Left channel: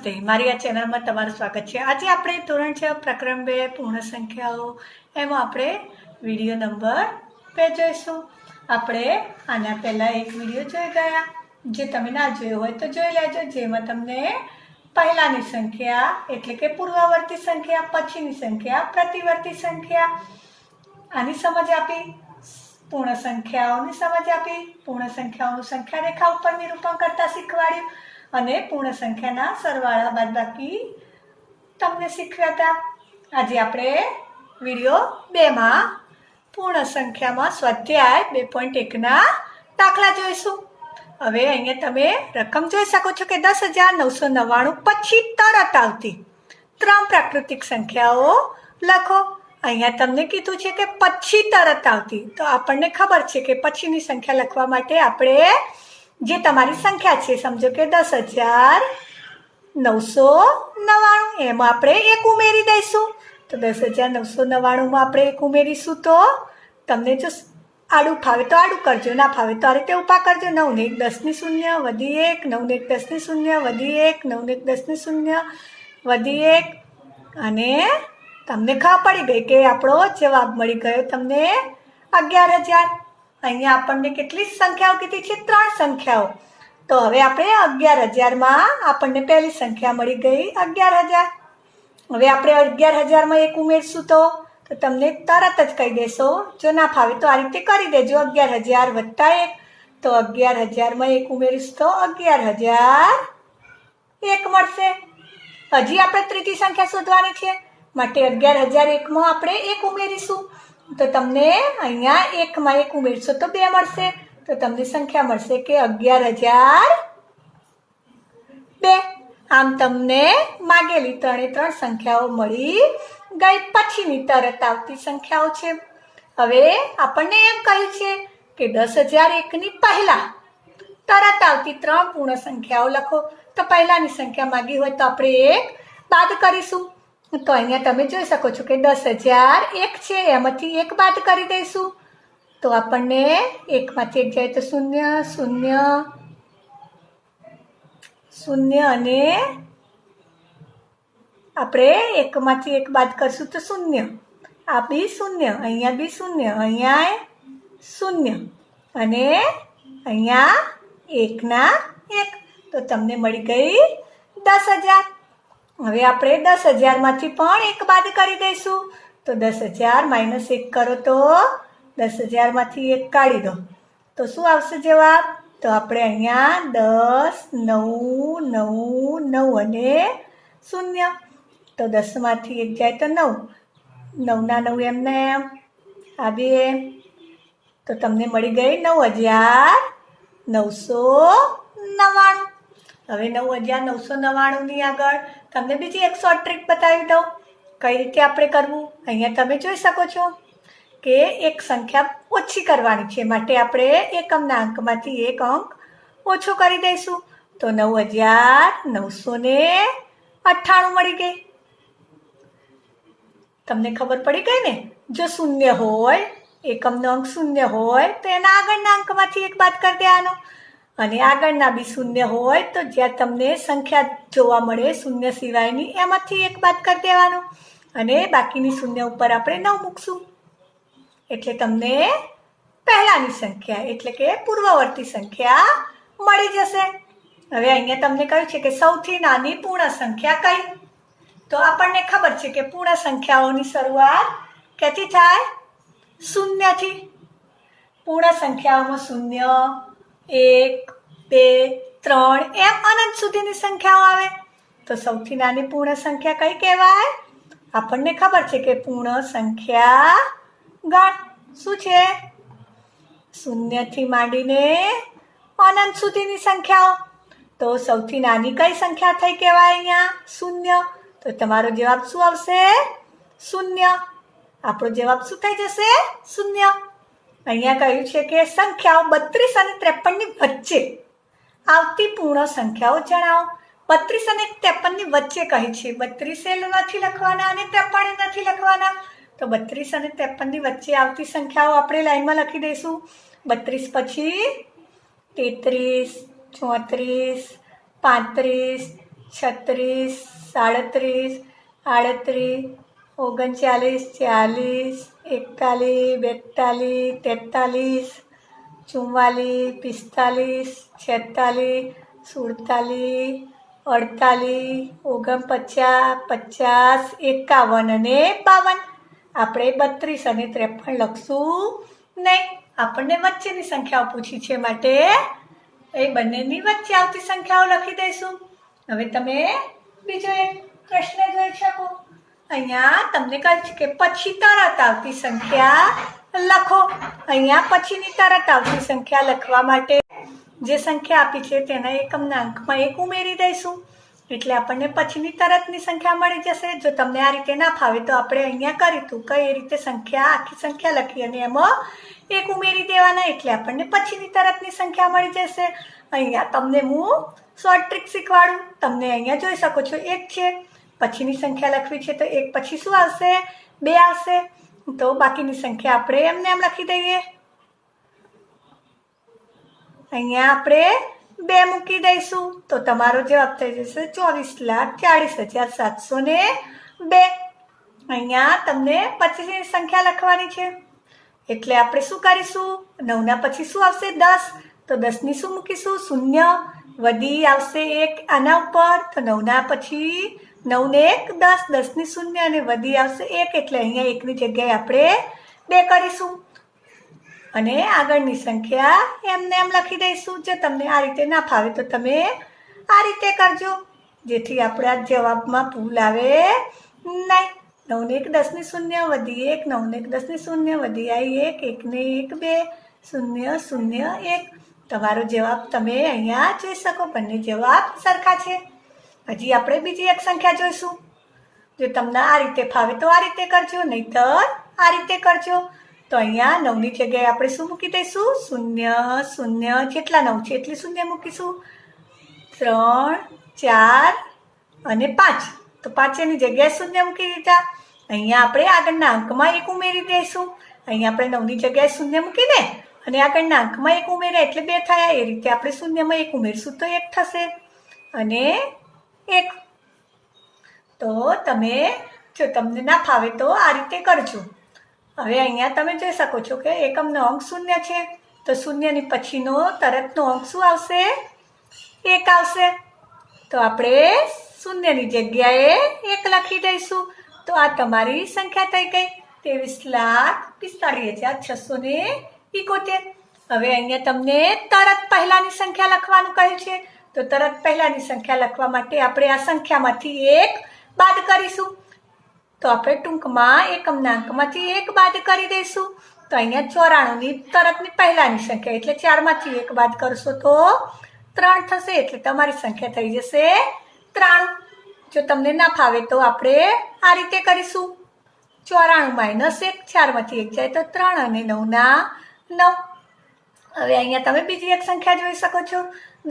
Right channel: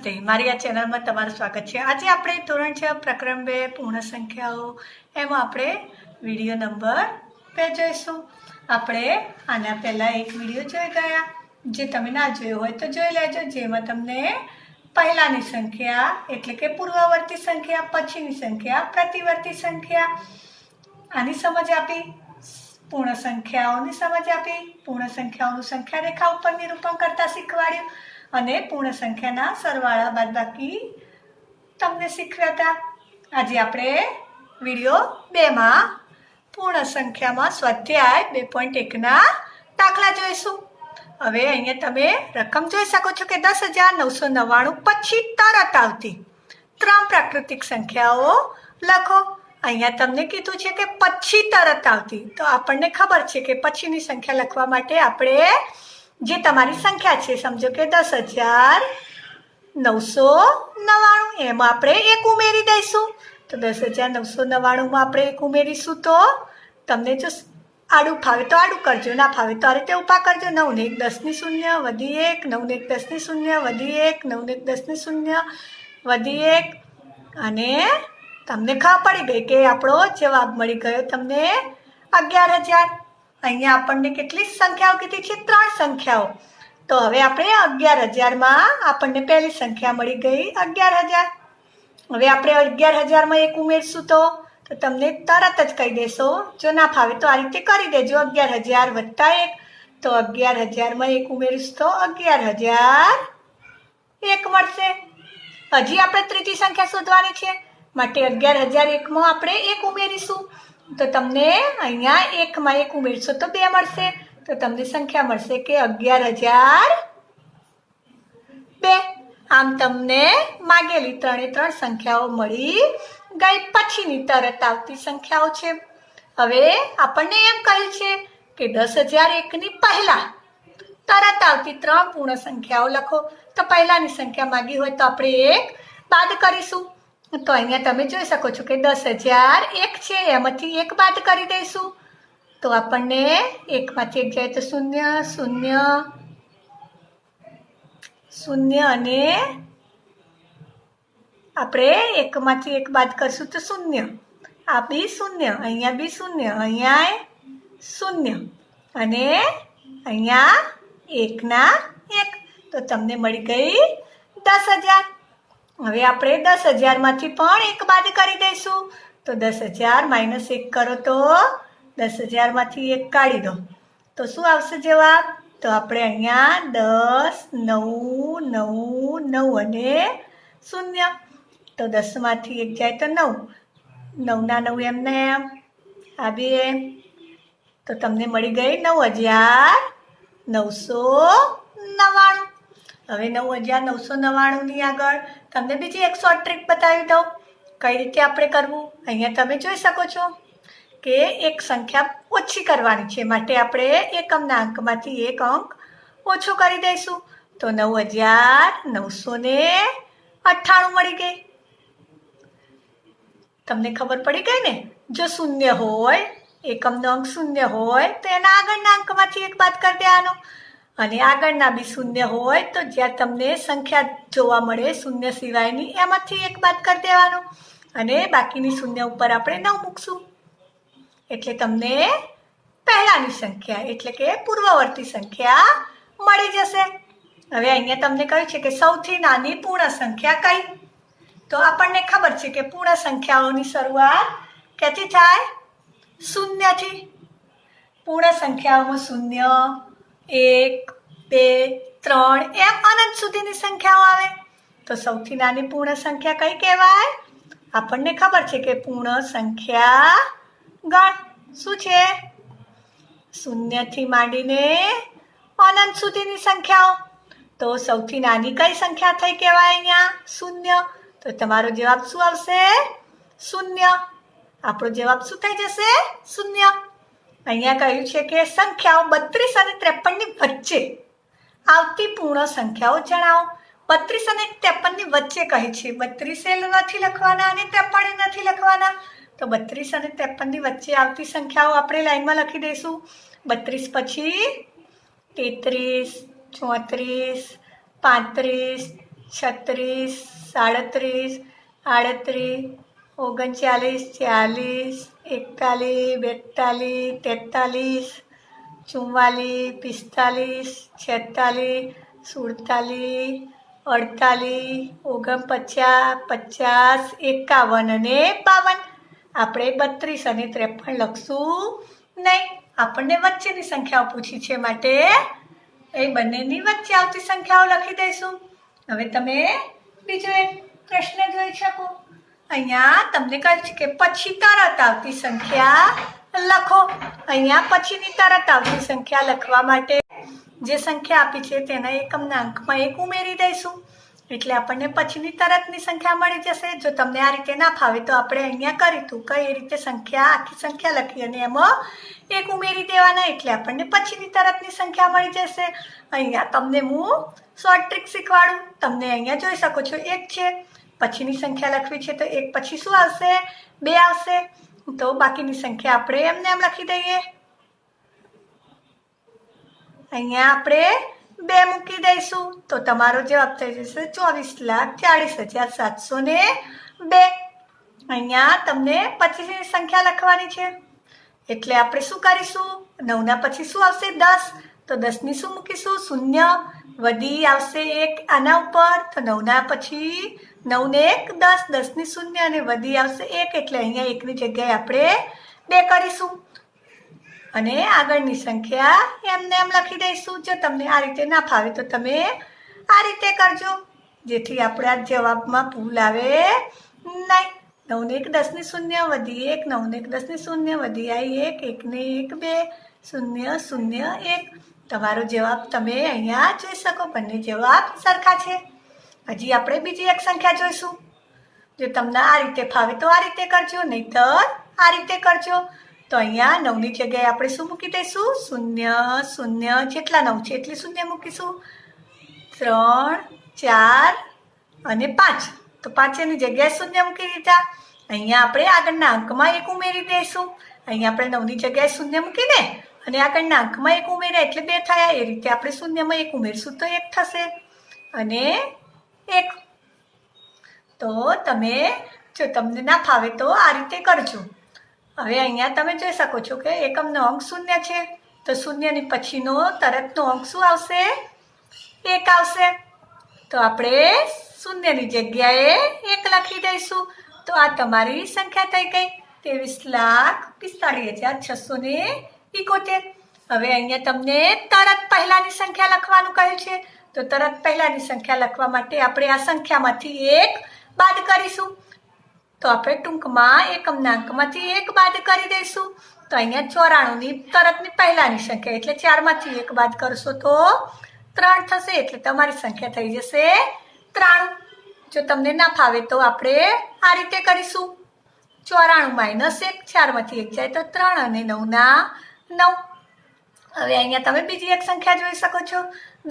નમસ્તે, મારી આ ચેનલમાં તમારું સ્વાગત છે। આજે આપણે ધોરણ 6 પ્રકરણ 2 પૂર્ણ સંખ્યાઓ એમાં આપણે વિડીયો નંબર 2 જોઈશું। આપણે આના પહેલાં એક વિડીયો જોઈ ગયા, જે તમે ના જોયો હોય તો જોઈ લેજો, જેમાં તમને પહેલાની સંખ્યા એટલે કે પૂર્વવર્તી સંખ્યા, પછીની સંખ્યા, પ્રતિવર્તી સંખ્યા આની સમજ આપી, પૂર્ણ સંખ્યાઓની સમજ આપી, પૂર્ણ સંખ્યાઓનું સંખ્યા રેખા ઉપર નિરૂપણ કરતા શીખવાડ્યું અને પૂર્ણ સંખ્યાના સરવાળા બાદબાકી તમને શીખવ્યા હતા। આજે આપણે વિડીયો 2માં પૂર્ણ સંખ્યામાં સ્વાધ્યાય 2.1ના દાખલા જોઈશું। હવે અહીંયા તમે રકમ જોઈ શકો છો કે 10,999 પછી તરત આવતી 3 પ્રાકૃતિક સંખ્યાઓ લખો। અહીંયા તમને કીધું છે કે પછી તરત આવતી, તો આપણને ખબર છે કે પછીની સંખ્યા લખવા માટે આપણે જે તમારી સંખ્યા છે, સમજો કે 10,999 એમાં આપણે 1 ઉમેરી દઈશું। તો 10,999માં આપણે 1 ઉમેરીશું તો તમને જો આડું ફાવે તો આડું કરજો, ના ફાવે તો આ રીતે ઊભા કરજો। 9 ને 1 10 ની 0 વધી 1, 9 ને 1 10 ની 0 વધી 1, 9 ને 1 10 ની 0 વધી 1 અને તમને ખબર પડી ગઈ કે આપણો જવાબ મળી ગયો તમને 11,000। અહીંયા આપણને કેટલી સંખ્યાઓ કીધી છે? 3 સંખ્યાઓ। તો હવે આપણે 11,000માં આપણને પહેલી સંખ્યા મળી ગઈ 11,000। હવે આપણે 11,000માં 1 ઉમેરશું તો તમને તરત જ કહી દેશો, જો ના ફાવે તો આ રીતે કરી દેજો, 11,000 વત્તા 1, તો 11,000માં 1 ઉમેરીશું તો 11,001 મળશે। હજી આપણે ત્રીજી સંખ્યા શોધવાની છે, માટે 11,001માં આપણે 1 ઉમેરીશું તો તમને અહીંયા 1માં 1 ઉમેરશો તો 2 મળશે, તો તમને સંખ્યા મળશે કે 11,002। આમ તમને માગેલી 3 સંખ્યાઓ મળી ગઈ, પછીની તરત આવતી સંખ્યાઓ છે। હવે આપણને એમ કહ્યું છે કે 10,001ની પહેલા તરત આવતી 3 પૂર્ણ સંખ્યાઓ લખો। તો પહેલાની સંખ્યા માગી હોય તો આપણે 1 બાદ કરીશું। તો અહીંયા તમે જોઈ શકો છો કે 10,001 છે, એમાંથી 1 બાદ કરી દઈશું તો આપણને 1માંથી 1 જાય તો 0 0 0 અને આપણે 1માંથી 1 બાદ કરશું તો 0, આ બી 0, અહીંયા બી 0, અહીંયા 0 અને અહીંયા 1 ના 1, તો તમને મળી ગઈ 10,000। હવે આપણે 10,000માંથી પણ 1 બાદ કરી દઈશું તો 10,000 - 1 કરો તો 10,000માંથી 1 કાઢી દો તો શું આવશે જવાબ? તો આપણે અહીંયા 10 9 9 9 અને 0, તો 10માંથી 1 જાય તો 9, 9 ના 9 એમને એમ આ બે, તો તમને મળી ગઈ 9,999। હવે 9,999ની આગળ તમને બીજી એક શોર્ટ ટ્રીક બતાવી દઉં, કઈ રીતે આપણે કરવું। અહીંયા તમે જોઈ શકો છો કે એક સંખ્યા ઓછી કરવાની છે, માટે આપણે એકમના અંકમાંથી 1 અંક ઓછો કરી દઈશું તો 9,998 મળી ગઈ। તમને ખબર પડી ગઈ ને? જો 0 હોય, એકમનો અંક 0 હોય તો એના આગળના અંકમાંથી 1 બાદ કરી દેવાનો, અને આગળના બી 0 હોય તો જ્યાં તમને સંખ્યા જોવા મળે 0 સિવાયની એમાંથી 1 બાદ કરી દેવાનો, અને બાકીની 0 ઉપર આપણે 9 મૂકશું એટલે તમને પહેલાની સંખ્યા એટલે કે પૂર્વવર્તી સંખ્યા મળી જશે। હવે અહીંયા તમને કહ્યું છે કે સૌથી નાની પૂર્ણ સંખ્યા કઈ? તો આપણને ખબર છે કે પૂર્ણ સંખ્યાઓની શરૂઆત ક્યાંથી થાય? 0થી। પૂર્ણ સંખ્યાઓમાં 0 1 2 3 એમ અનંત સુધીની સંખ્યાઓ આવે, તો સૌથી નાની પૂર્ણ સંખ્યા કઈ કહેવાય? આપણને ખબર છે કે પૂર્ણ સંખ્યા ગણ શું છે? 0થી માંડીને અનંત સુધીની સંખ્યાઓ, તો સૌથી નાની કઈ સંખ્યા થઈ કહેવાય? અહીંયા 0, તો તમારો જવાબ શું આવશે? 0। આપણો જવાબ શું થઈ જશે? 0। અહીંયા કહ્યું છે કે સંખ્યાઓ 32 અને 53ની વચ્ચે આવતી પૂર્ણ સંખ્યાઓ જણાવો। 32 અને 53ની વચ્ચે કહી છે, 32 નથી લખવાના અને 53 નથી લખવાના, તો 32 અને 53ની વચ્ચે આવતી સંખ્યાઓ આપણે લાઈનમાં લખી દઈશું। 32 પછી 33 34 35 36, 37, 38, 39, 40, 41, 42, 43, 44, 45, 46, 47, 48, 49, 50, 51 અને 52. આપણે 32 અને 53 લખશું નહીં. આપણને વચ્ચેની સંખ્યાઓ પૂછી છે માટે એ બંનેની વચ્ચે આવતી સંખ્યાઓ લખી દઈશું. હવે તમે બીજો એક પ્રશ્ન જોઈ શકો. અહીંયા તમને કહ્યું છે કે પછી તરત આવતી સંખ્યા લખો. અહીંયા પછીની તરત આવતી સંખ્યા લખવા માટે જે સંખ્યા આપી છે તેના એકમના અંકમાં 1 ઉમેરી દઈશું એટલે આપણને પછીની તરતની સંખ્યા મળી જશે. જો તમને આ રીતે ના ફાવે તો આપણે અહીંયા કરીશું કઈ રીતે સંખ્યા આખી સંખ્યા લખી અને એમાં 1 ઉમેરી દેવાના એટલે આપણને પછીની તરતની સંખ્યા મળી જશે. અહીંયા તમને હું શોર્ટ ટ્રીક શીખવાડું. તમને અહીંયા જોઈ શકો છો 1 છે, પછીની સંખ્યા લખવી છે તો 1 પછી શું આવશે? 2 આવશે. તો બાકીની સંખ્યા આપણે એમને એમ લખી દઈએ. અહીંયા આપણે 2 મૂકી દઈશું તો તમારો જવાબ થઈ જશે 24,40,702. અહીંયા તમને પછીની સંખ્યા લખવાની છે એટલે આપણે શું કરીશું? 9ના પછી શું આવશે? 10. તો 10ની શું મૂકીશું? 0. વધી આવશે 1 આના ઉપર તો 9ના પછી 9 ને 1 10, 10ની 0 અને વધી આવશે 1 એટલે અહીંયા 1ની જગ્યાએ આપણે 2 કરીશું અને આગળની સંખ્યા એમને એમ લખી દઈશું. જો તમને આ રીતે ના ફાવે તો તમે આ રીતે કરજો જેથી આપણા જવાબમાં ભૂલ આવે નહીં. 9 ને 1 10ની 0 વધી 1, 9 ને 1 10ની 0 વધી આવી 1, 1 ને 1 2, 0 0 1. તમારો જવાબ તમે અહીંયા જોઈ શકો. બંને જવાબ સરખા છે. હજી આપણે બીજી એક સંખ્યા જોઈશું. જો તમને આ રીતે ફાવે તો આ રીતે કરજો, નહીંતર આ રીતે કરજો. તો અહીંયા 9ની જગ્યાએ આપણે શું મૂકી દઈશું? 0 0. જેટલા 9 છે એટલી 0 મૂકીશું. 3 4 અને 5. તો 5ની જગ્યાએ 0 મૂકી દીધા. અહીંયા આપણે આગળના અંકમાં 1 ઉમેરી દઈશું. અહીંયા આપણે 9ની જગ્યાએ 0 મૂકીને અને આગળના અંકમાં 1 ઉમેર્યા એટલે 2 થયા. એ રીતે આપણે 0માં 1 ઉમેરશું તો 1 થશે અને 1. તો તમે જો તમને ના ફાવે તો આ રીતે કરજો. હવે અહીંયા તમે જોઈ શકો છો કે એકમનો અંક 0 છે તો 0ની પછીનો તરતનો અંક શું આવશે? 1 આવશે. તો આપણે 0ની જગ્યાએ 1 લખી દઈશું. તો આ તમારી સંખ્યા થઈ ગઈ 23,45,671. હવે અહીંયા તમને તરત પહેલાની સંખ્યા લખવાનું કહ્યું છે તો તરત પહેલાની સંખ્યા લખવા માટે આપણે આ સંખ્યામાંથી 1 બાદ કરીશું. તો આપણે ટૂંકમાં એકમના અંકમાંથી 1 બાદ કરી દઈશું. તો અહીંયા 94ની તરતની પહેલાની સંખ્યા એટલે 4માંથી 1 બાદ કરશો તો 3 થશે એટલે તમારી સંખ્યા થઈ જશે 93. જો તમને ના ફાવે તો આપણે આ રીતે કરીશું. 94 - 1, 4માંથી 1 જાય તો 3 અને 9ના 9. હવે અહીંયા તમે બીજી એક સંખ્યા જોઈ શકો છો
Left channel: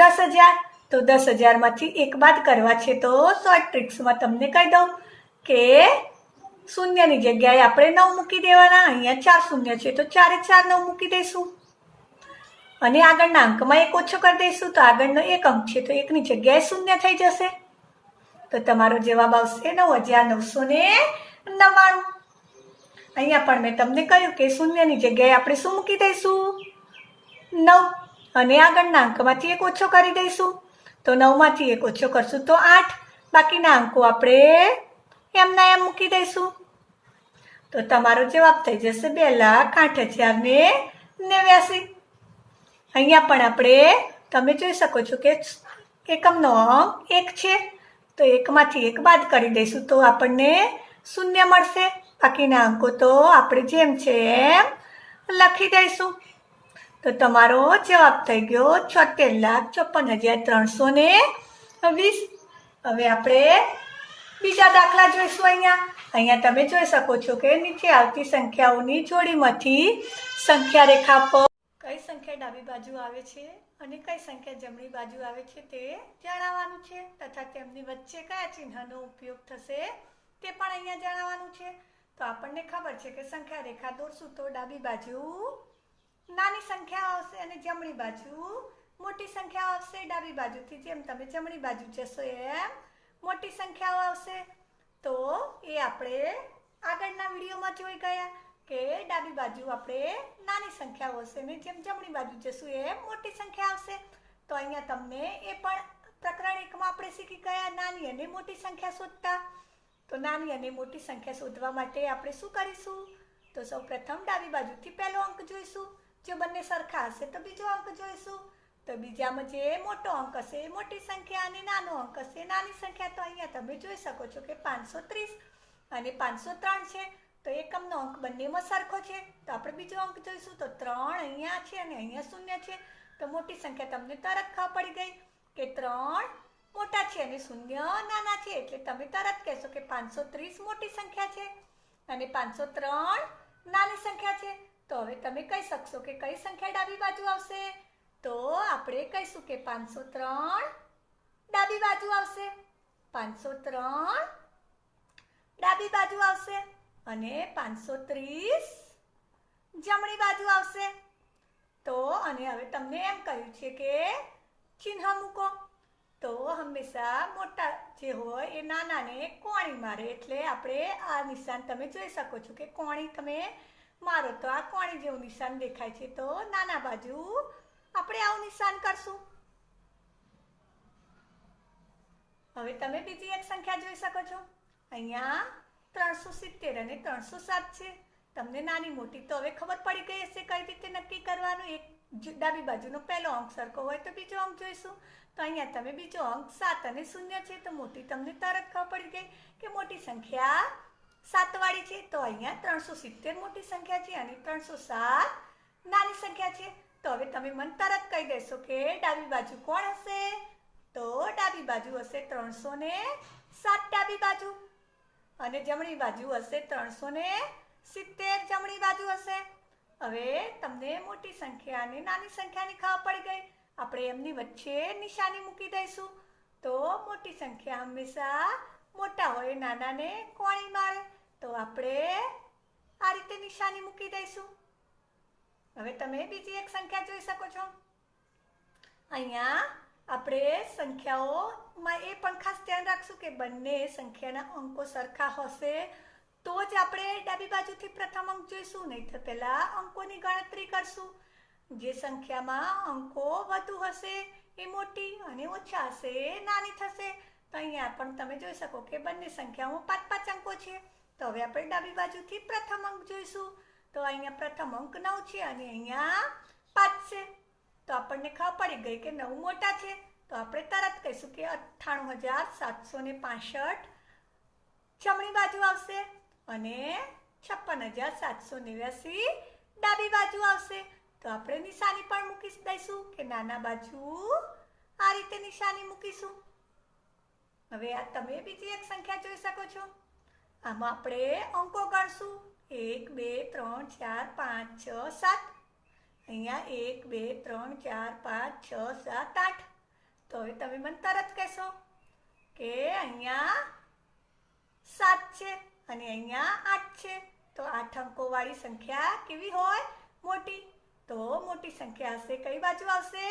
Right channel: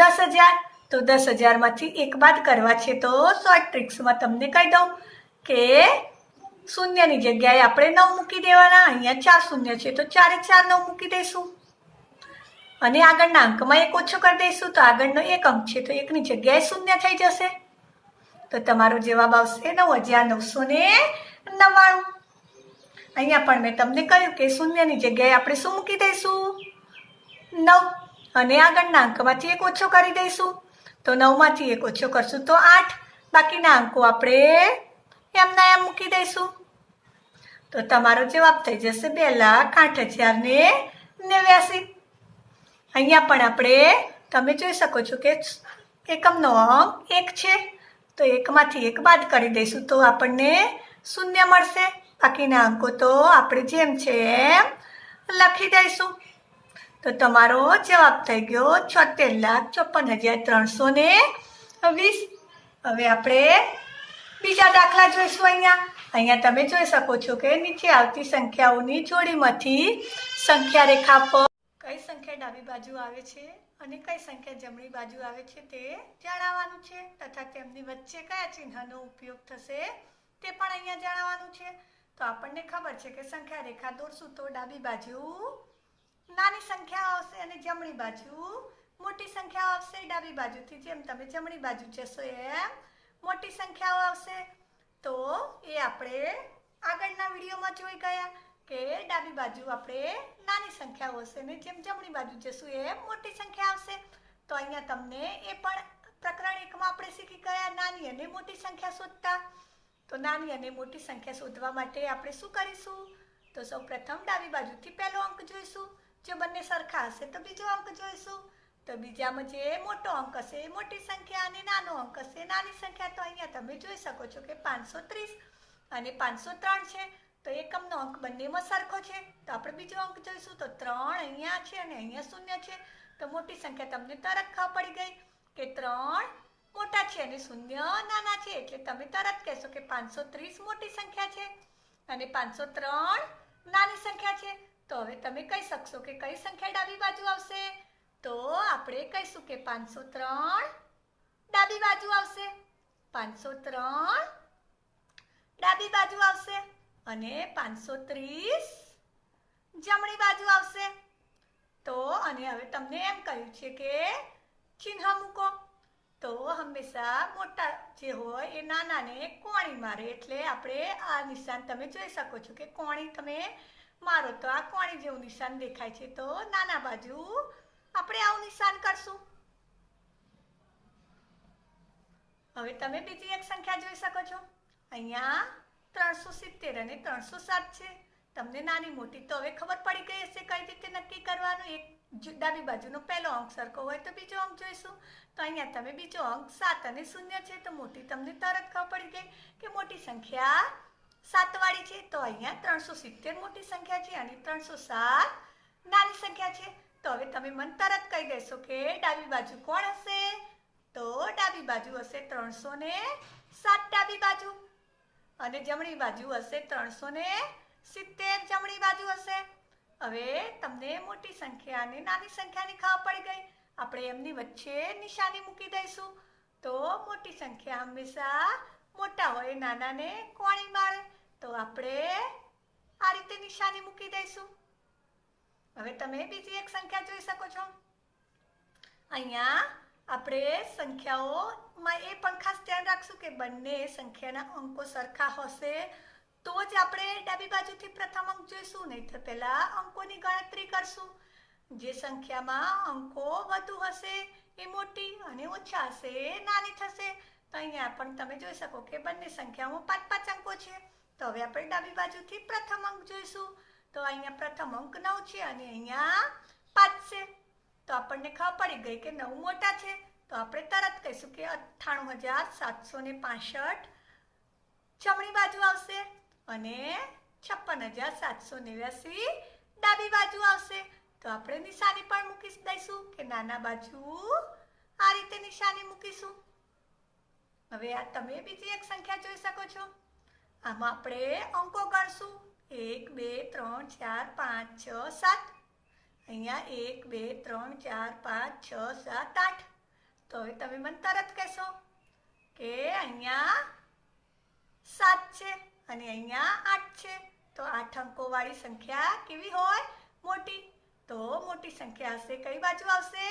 10,000. તો 10,000માંથી 1 બાદ કરવા છે તો શોર્ટ ટ્રિક્સમાં તમને કહી દઉં કે 0ની જગ્યાએ આપણે 9 મૂકી દેવાના. અહીંયા 4 શૂન્ય છે તો 4 એ 4 9 મૂકી દઈશું અને આગળના અંકમાં 1 ઓછો કરી દઈશું. તો આગળનો 1 અંક છે તો 1ની જગ્યાએ 0 થઈ જશે. તો તમારો જવાબ આવશે 9,999. અહીંયા પણ મેં તમને કહ્યું કે 0ની જગ્યાએ આપણે શું મૂકી દઈશું? 9 અને આગળના અંકમાંથી 1 ઓછો કરી દઈશું. તો 9માંથી 1 ઓછો કરશું તો 8. બાકીના અંકો આપણે એમના એમ મૂકી દઈશું. તો તમારો જવાબ થઈ જશે 2,08,089. અહીંયા પણ આપણે તમે જોઈ શકો છો કે એકમનો અંક 1 છે તો 1માંથી 1 બાદ કરી દઈશું તો આપણને 0 મળશે. બાકીના અંકો તો આપણે જેમ છે એમ લખી દઈશું. તો તમારો જવાબ થઈ ગયો 76,54,320. હવે આપણે બીજા દાખલા જોઈશું. અહીંયા તમે જોઈ શકો છો કે નીચે આવતી સંખ્યાઓની જોડીમાંથી સંખ્યા રેખા પર કઈ સંખ્યા ડાબી બાજુ આવે છે અને કઈ સંખ્યા જમણી બાજુ આવે છે તે જણાવવાનું છે તથા તેમની વચ્ચે કયા ચિહ્નનો ઉપયોગ થશે તે પણ અહીંયા જણાવવાનું છે. તો આપણને ખબર છે કે સંખ્યા રેખા દોરશું તો ડાબી બાજુ નાની સંખ્યા આવશે અને જમણી બાજુ મોટી સંખ્યા આવશે. ડાબી બાજુથી જેમ તમે જમણી બાજુ જશો એમ મોટી સંખ્યાઓ આવશે? તો એ આપણે આગળના વિડીયોમાં જોઈ ગયા કે ડાબી બાજુ આપણે નાની સંખ્યાઓ હશે ને જેમ જમણી બાજુ જશું એ મોટી સંખ્યા આવશે. તો અહીંયા તમને એ પણ પ્રકરણ 1માં આપણે શીખી ગયા નાની અને મોટી સંખ્યા શોધતા. તો નાની અને મોટી સંખ્યા શોધવા માટે આપણે શું કરીશું? તો સૌપ્રથમ ડાબી બાજુથી પહેલો અંક જોઈશું. જો બંને સરખા હશે તો બીજો અંક જોઈશું. તો બીજામાં જે મોટો અંક હશે એ મોટી સંખ્યા અને નાનો અંક હશે નાની સંખ્યા. તો અહીંયા તમે જોઈ શકો છો કે 530 અને 503 છે. તો એકમનો અંક બંનેમાં સરખો છે. તો આપણે બીજો અંક જોઈશું. તો 3 અહીંયા છે અને અહીંયા 0 છે. તો મોટી સંખ્યા તમને તરત ખબર પડી ગઈ કે 3 મોટા છે અને 0 નાના છે. એટલે તમે તરત કહેશો કે 530 મોટી સંખ્યા છે અને 503 નાની સંખ્યા છે. તો હવે તમે કહી શકશો કે કઈ સંખ્યા ડાબી બાજુ આવશે? તો આપણે કહીશું કે 503 ડાબી બાજુ આવશે. 503 ડાબી બાજુ આવશે અને 530 જમણી બાજુ આવશે. તો અને હવે તમને એમ કહ્યું છે કે ચિહ્ન મૂકો. તો હંમેશા મોટા જે હોય એ નાનાને કોણી મારે. એટલે આપણે આ નિશાન તમે જોઈ શકો છો કે કોણી તમે મારો તો આ કોણી જેવું નિશાન દેખાય છે. તો નાના બાજુ આપણે આવું નિશાન કરશું. હવે તમે બીજી એક સંખ્યા જોઈ શકો છો. અહીંયા 370 અને 307 છે. તમને નાની મોટી તો હવે ખબર પડી ગઈ હશે કઈ રીતે નક્કી કરવાનું. એક ડાબી બાજુનો પહેલો અંક સરખો હોય તો બીજો અંક જોઈશું. તો અહીંયા તમે બીજો અંક 7 અને 0 છે. તો મોટી તમને તરત ખબર પડી ગઈ કે મોટી સંખ્યા 7 વાળી છે. તો અહીંયા 370 મોટી સંખ્યા છે અને 307 નાની સંખ્યા છે. તો હવે તમે મને તરત કહી દેશો કે ડાબી બાજુ કોણ હશે? તો ડાબી બાજુ હશે 307 ડાબી બાજુ અને જમણી બાજુ હશે 370 જમણી બાજુ હશે. હવે તમને મોટી સંખ્યા અને નાની સંખ્યાની ખબર પડી ગઈ. આપણે એમની વચ્ચે નિશાની મૂકી દઈશું. તો મોટી સંખ્યા હંમેશા મોટા હોય નાનાને કોણી મારે. તો આપણે આ રીતે નિશાની મૂકી દઈશું. હવે તમે બીજી એક સંખ્યા જોઈ શકો છો. અહીંયા આપણે સંખ્યાઓમાં એ પણ ખાસ ધ્યાન રાખશું કે બંને સંખ્યાના અંકો સરખા હશે તો જ આપણે ડાબી બાજુથી પ્રથમ અંક જોઈશું. નહીં તો પહેલા અંકોની ગણતરી કરશું. જે સંખ્યામાં અંકો વધુ હશે એ મોટી અને ઓછા હશે એ નાની થશે. તો અહીંયા પણ તમે જોઈ શકો કે બંને સંખ્યામાં 5-5 અંકો છે. તો હવે આપણે ડાબી બાજુથી પ્રથમ અંક જોઈશું. તો અહીંયા પ્રથમ અંક 9 છે અને અહીંયા 5 છે. તો આપણને ખબર પડી ગઈ કે 9 મોટા છે. તો આપણે તરત કહીશું કે 98,765 જમણી બાજુ આવશે અને 56,789 ડાબી બાજુ આવશે. તો આપણે નિશાની પણ મૂકી દઈશું કે નાના બાજુ આ રીતે નિશાની મૂકીશું. હવે આ તમે બીજી એક સંખ્યા જોઈ શકો છો. આમાં આપણે અંકો ગણશું. 1 2 3 4 5 6 7. અહીંયા 1 2 3 4 5 6 7 8. તો હવે તમે મને તરત કહેશો કે અહીંયા 7 છે અને અહીંયા 8 છે. તો 8 અંકો વાળી સંખ્યા કેવી હોય? મોટી. તો મોટી સંખ્યા હશે કઈ બાજુ આવશે?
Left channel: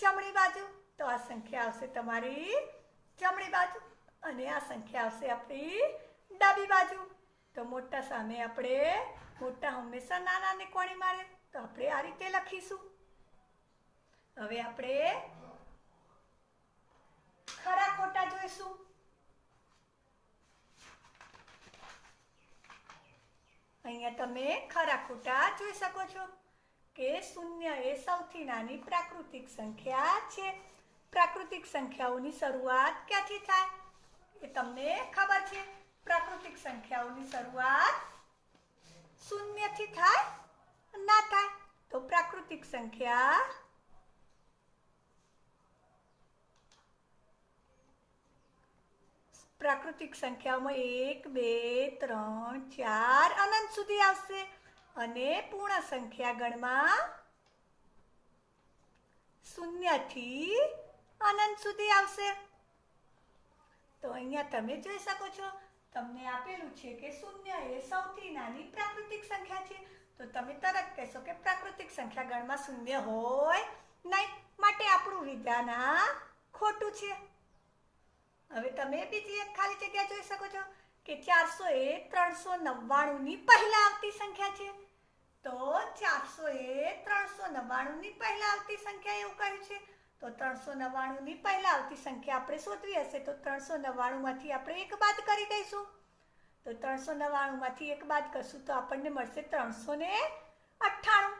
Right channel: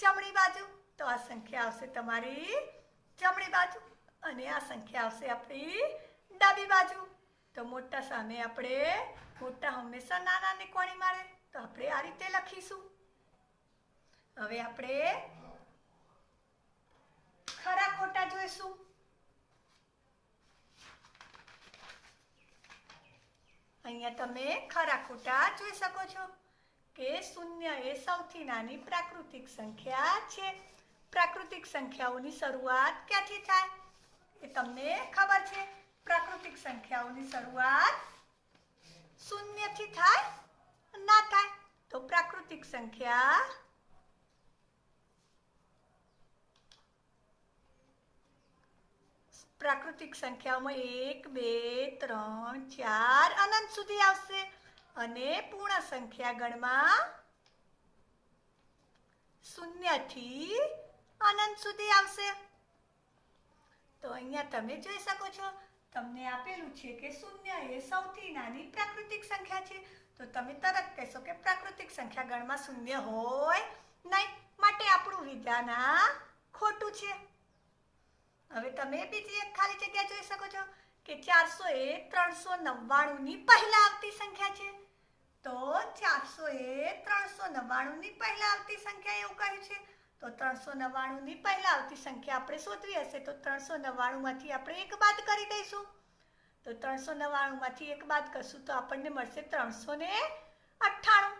જમણી બાજુ. તો આ સંખ્યા આવશે તમારી જમણી બાજુ અને આ સંખ્યા આવશે આપણી ડાબી બાજુ. તો મોટા સામે આપણે મોટા હંમેશા નાનાને કોણી મારે. તો આપણે આ રીતે લખીશું. હવે આપણે ખરા ખોટા જોઈશું. અહીંયા તમે ખરા ખોટા જોઈ શકો છો કે 0 એ સૌથી નાની પ્રાકૃતિક સંખ્યા છે. પ્રાકૃતિક સંખ્યાઓની શરૂઆત ક્યાંથી થાય એ તમને ખબર છે. પ્રાકૃતિક સંખ્યાઓની શરૂઆત 0 થી થાય ના થાય. તો પ્રાકૃતિક સંખ્યા પ્રાકૃતિક સંખ્યાઓમાં 1 2 3 4 અનંત સુધી આવશે અને પૂર્ણ સંખ્યા ગણમાં 0 થી અનંત સુધી આવશે. તો અહીંયા તમે જોઈ શકો છો તમને આપેલું છે કે 0 એ સૌથી નાની પ્રાકૃતિક સંખ્યા છે. તો તમે તરત કહેશો કે પ્રાકૃતિક સંખ્યા ગણમાં 0 હોય નહીં. માટે આપણું વિધાન ખોટું છે. હવે તમે બીજી એક ખાલી જગ્યા જોઈ શકો છો કે 400 એ 399 ની પહેલા આવતી સંખ્યા છે. તો 400 એ 399 ની પહેલા આવતી સંખ્યા એવું કહ્યું છે. તો 399 ની પહેલા આવતી સંખ્યા આપણે શોધવી હશે તો 399 માંથી આપણે એક બાદ કરી દઈશું. તો 399 માંથી એક બાદ કરશું તો આપણને મળશે 398.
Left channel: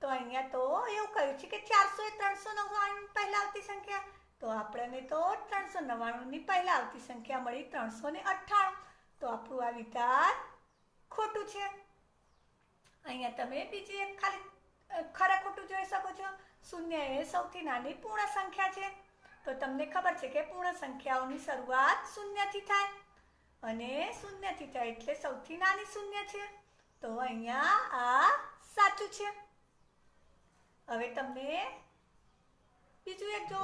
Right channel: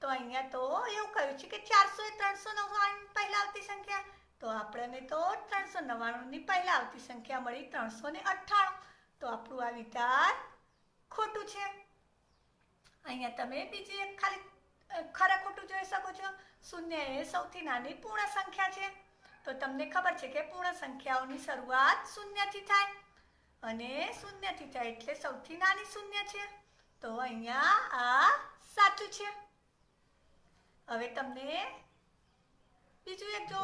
તો અહીંયા તો એવું કહ્યું છે કે 400 એ 399 ની પહેલા આવતી સંખ્યા, તો આપણને તો 399 ની પહેલા આવતી સંખ્યા મળી 398. તો આપણું આ વિધાન ખોટું છે. અહીંયા તમે બીજી એક ખાલી ખરા ખોટું જોઈ શકો છો. શૂન્ય એ સૌથી નાની પૂર્ણ સંખ્યા છે. તો તમને ખબર છે કે પૂર્ણ સંખ્યાઓની શરૂઆત શૂન્યથી થાય અને શૂન્યથી થાય એટલે સૌથી નાની શૂન્ય છે. તો અહીંયા આ સાચું છે. હવે તમને બીજું એક જો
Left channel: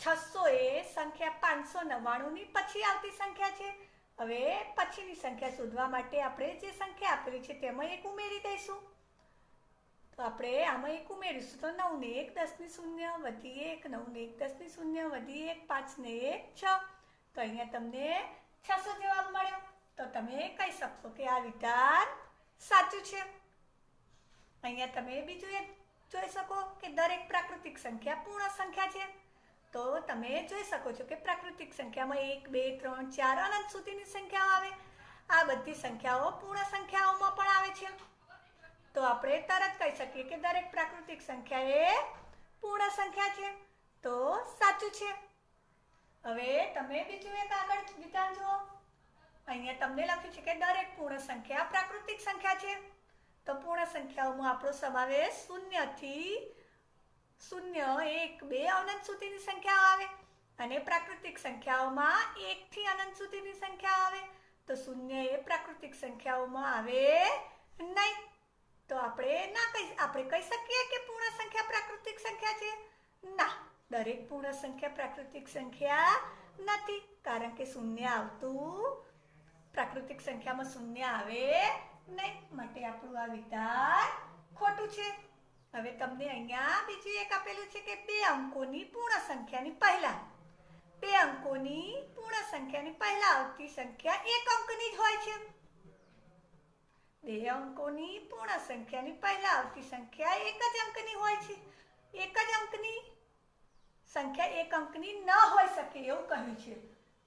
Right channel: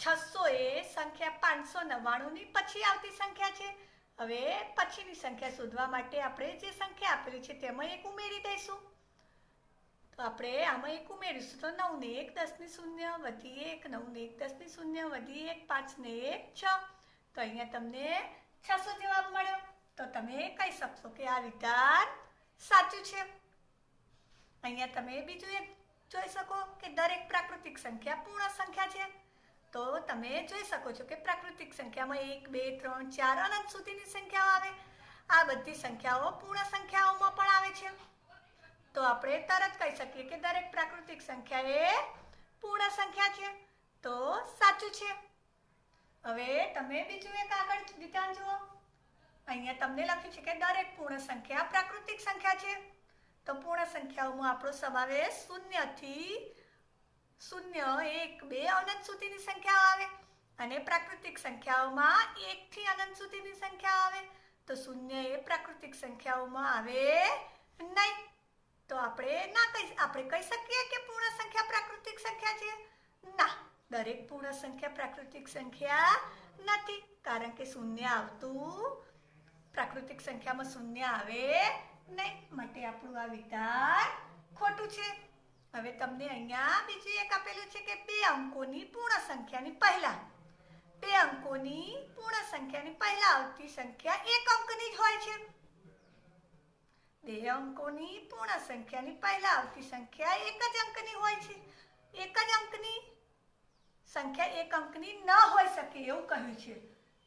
600 એ સંખ્યા 599 ની પછી આવતી સંખ્યા છે. હવે પછીની સંખ્યા શોધવા માટે આપણે જે સંખ્યા આપેલી છે તેમાં એક ઉમેરી દઈશું. તો આપણે આમાં એક ઉમેરીશું તો 9 ને 1 10 ની 0 વધી 1 9 ને 1 10 ની 0 વધી 1 5 ને 1 6. તો અહીંયા તમને 600 જવાબ મળ્યો. તો તમે કહી શકશો કે આ વિધાન સાચું છે. અહીંયા તમે બીજું એક જોઈ શકો કે દરેક પ્રાકૃતિક સંખ્યા પૂર્ણ સંખ્યા છે. તો તમે જોઈ શકો છો કે પ્રાકૃતિક સંખ્યામાં 1 2 3 4 અનંત સુધીની સંખ્યાઓ આવે. આ બધી સંખ્યાઓ પૂર્ણ સંખ્યાઓમાં પણ આવે છે. તો આપણે તરત કહી શકીએ કે દરેક પ્રાકૃતિક સંખ્યા એ પૂર્ણ સંખ્યા છે. તો સાચું છે. હવે તમે બીજું એક આગળ વિધાન જુઓ. અહીંયા તમને લખ્યું છે કે દરેક પૂર્ણ સંખ્યા પ્રાકૃતિક સંખ્યા છે. તો પૂર્ણ સંખ્યાઓમાં આપણો સમાવેશ 0 થી 0 1 2 અનંત સુધીની સંખ્યાઓ આવે અને પ્રાકૃતિક સંખ્યાઓમાં 1 થી અનંત સુધીની સંખ્યા આવે. તો 0 એ પ્રાકૃતિક સંખ્યાઓમાં આવે નહીં. તો આપણે કહી શકીએ કે પૂર્ણ સંખ્યા પ્રાકૃતિક સંખ્યા છે? ના, દરેક પૂર્ણ સંખ્યા પ્રાકૃતિક સંખ્યા નથી, કારણ કે 0 આવતું પ્રાકૃતિક સંખ્યામાં 0 આવે નહીં. માટે આપણું આ વિધાન ખોટું છે. હવે તમને અહીંયા બીજું એક આપેલું છે કે 2 અંકોની પૂર્ણ સંખ્યાની પહેલા 2 અંકોની પૂર્ણ સંખ્યાની પહેલા આવતી સંખ્યા 1 અંકની જ હોય છે. 2 અંકોની પૂર્ણ સંખ્યાની પહેલા આવતી સંખ્યા 1 જ અંકની હોય છે. 1 જ અંકની સંખ્યા 1 અંકની ન હોઈ શકે એવું કહ્યું છે.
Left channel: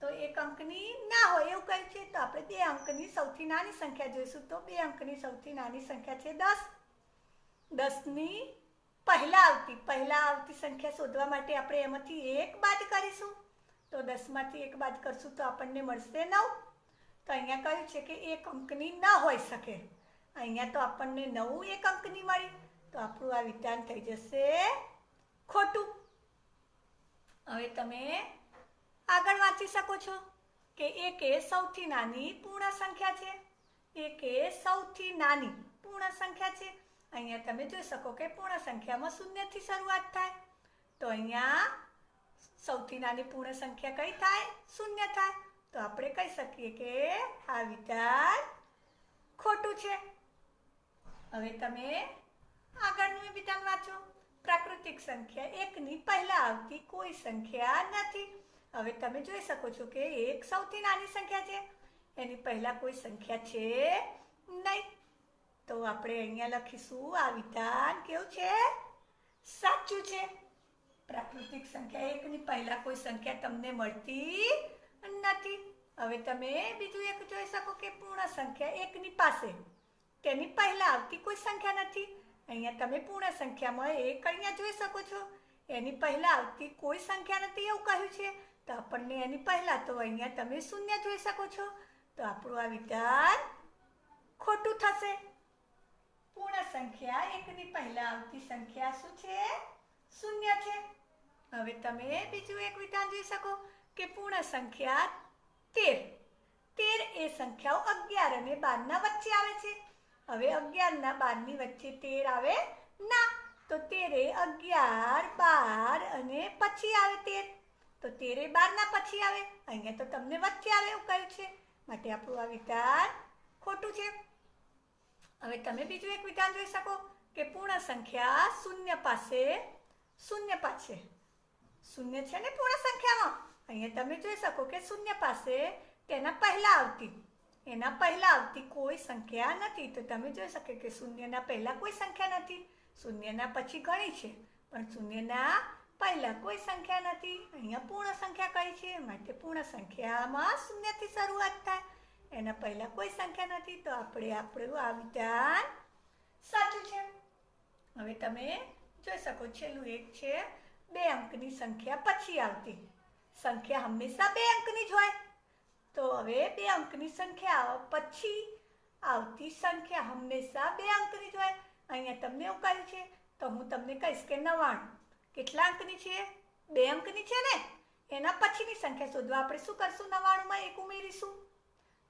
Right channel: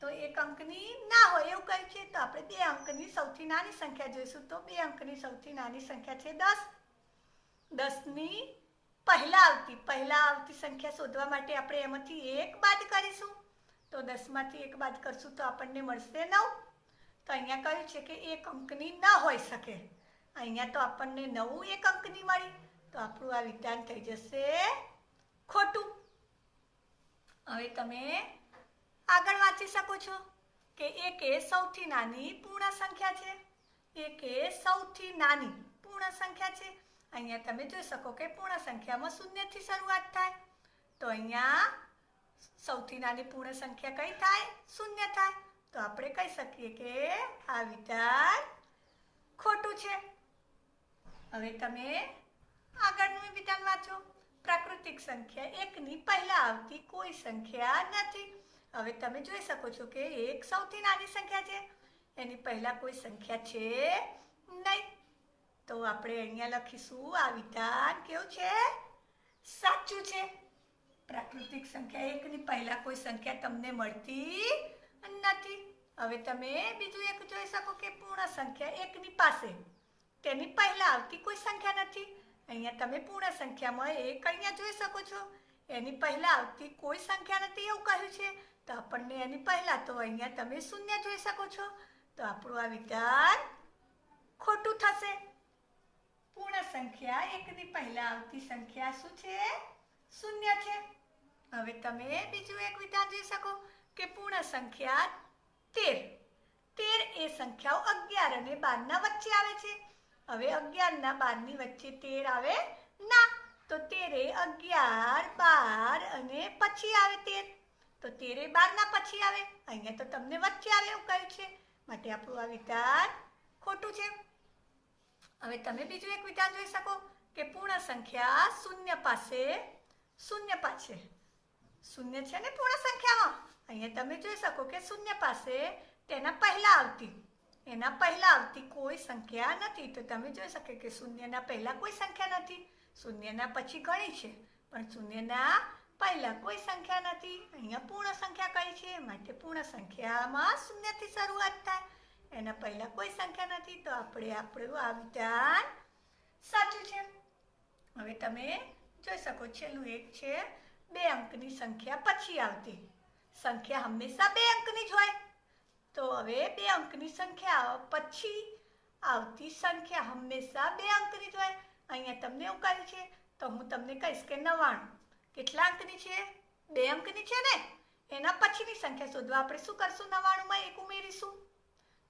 તો 1 અંકની ના હોય એવું કહ્યું છે. તો આપણે 2 અંકની સૌથી નાની સંખ્યા જોઈશું. તો 2 અંકની સૌથી નાની સંખ્યા છે 10. 10 ની પહેલા આવતી સંખ્યા શોધવા માટે આપણે એમાંથી 1 બાદ કરીશું. તો 10 માંથી 1 બાદ કરશું તો આપણને મળશે 9. તો અહીંયા કહ્યું છે કે 1 અંકની ન હોઈ શકે. અહીંયા તો આપણને 9 1 અંકની મળી. તો આપણું આ વિધાન થઈ જશે ખોટું. હવે તમે આગળ વાંચી શકો છો કે 1 એ સૌથી નાની પૂર્ણ સંખ્યા છે. 1 એ સૌથી નાની પૂર્ણ સંખ્યા છે. અહીંયા તમે જોઈ શકો કે પૂર્ણ સંખ્યામાં 0 થી શરૂઆત થાય. તો અહીંયા સૌથી નાની પૂર્ણ સંખ્યા કઈ થાય? 0 થાય. તો આપણે કહી શકીએ કે આ વિધાન ખોટું છે. હવે તમે આગળનું વિધાન વાંચો. પ્રાકૃતિક સંખ્યા 1 ની પહેલા આવતી કોઈ સંખ્યા નથી. હવે તમે જોઈ શકો છો કે 1 સૌથી નાની સંખ્યા છે, એની પહેલા કોઈ સંખ્યા છે નહીં. તો આપણે અહીંયા લખીશું આ વિધાન કેવું છે? સાચું છે. પ્રાકૃતિક સંખ્યા 1 ની પહેલા કોઈ સંખ્યા તમને મળતી નથી. હવે તમે બીજું એક જોઈ શકો કે પૂર્ણ સંખ્યા 1 ની પાસે તેની પહેલા આવતી કોઈ સંખ્યા નથી. અહીંયા તમે પૂર્ણ સંખ્યામાં 1 અહીંયા જોઈ શકો છો, એની પહેલા આવતી કોઈ સંખ્યા નથી એવું કહ્યું છે. તો આપણને એની પહેલા તો અહીંયા તમે 0 જોઈ શકો છો. તો આપણું આ વિધાન ખોટું થશે. પૂર્ણ સંખ્યા 1 ની પહેલા આવતી સંખ્યા શું છે? 0 છે. હવે તમે બીજું એક વિધાન જોઈ શકો કે પૂર્ણ સંખ્યા 13. 13 એ સંખ્યાઓ 11 અને 12 ના વચ્ચે આવે છે. હવે 11 ના 12 ની વચ્ચે 13 આવે ના. તો 13 એ 11 12 અને પછી આવે 13. તો 13 એ 12 ના પછી આવે. અહીંયા તો તમને વચ્ચે આવે એવું કહ્યું છે. માટે આપણું આ વિધાન ખોટું છે. હવે તમે બીજું એક વિધાન જોઈ શકો કે પૂર્ણ સંખ્યા 0 પાસે 0 છે ને પૂર્ણ સંખ્યામાં. અહીંયા તમે જોઈ શકો કે શૂન્ય પાસે તેના પહેલા આવતી કોઈ સંખ્યા નથી. તો તમે જોઈ શકો કે શૂન્યના પહેલા કોઈ સંખ્યા નથી, શૂન્યના પછી ઘણી છે પણ શૂન્યના પહેલા કોઈ સંખ્યા નથી. અહીંયા પૂર્ણ સંખ્યા કઈ છે, માટે પૂર્ણ સંખ્યામાં શૂન્યથી શરૂઆત થાય, એના પહેલા કોઈ સંખ્યા નથી. તો આપણું આ વિધાન સાચું છે. હવે તમે જોઈ શકો છેલ્લું એક છે 2 અંકની સંખ્યા પછી આવતી. સંખ્યા હંમેશા 2 અંકની જ હોય. તો હવે 2 અંકની સંખ્યા પછી આવતી સંખ્યા હંમેશા 2 અંકની જ હોય. અહીંયા તમને એવું કહ્યું છે તો હું તમને કહીશ કે 99 કેટલા અંકની છે? 2 અંકની છે ને. એના પછીની સંખ્યા શોધવા આપણે શું કરશું? 99માં 1 ઉમેરીશું.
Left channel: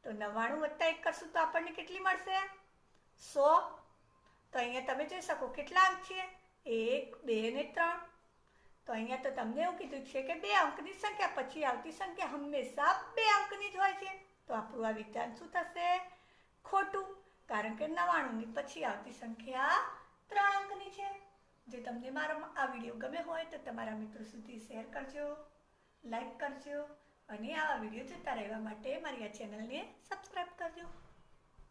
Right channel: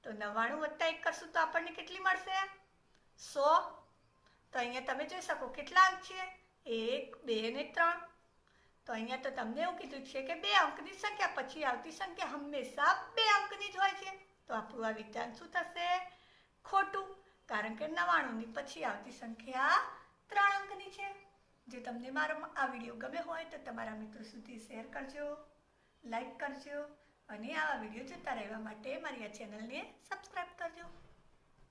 તો 99 + 1 કરશું તો આપણને કેટલી મળશે? 100. તો અહીંયા તમે જોઈ શકો કેટલા અંક છે? 1, 2 ને 3. તો અહીંયા તો તમને એવું કીધું છે કે 2 અંકની સંખ્યા પછી આવતી સંખ્યા હંમેશા 2 અંકની જ હોય છે. તો આપણું આ વિધાન શું થશે? ખોટું, કારણ કે 99ની પછી આવતી સંખ્યા 3 અંકની છે. જો તમને મારો આ વિડીયો ગમે હોય તો તમારા મિત્રો સુધી શેર કરજો, લાઈક કરજો અને આવા વિડીયો જોતા રહેવા માટે મારી આ ચેનલને સબસ્ક્રાઈબ કરજો.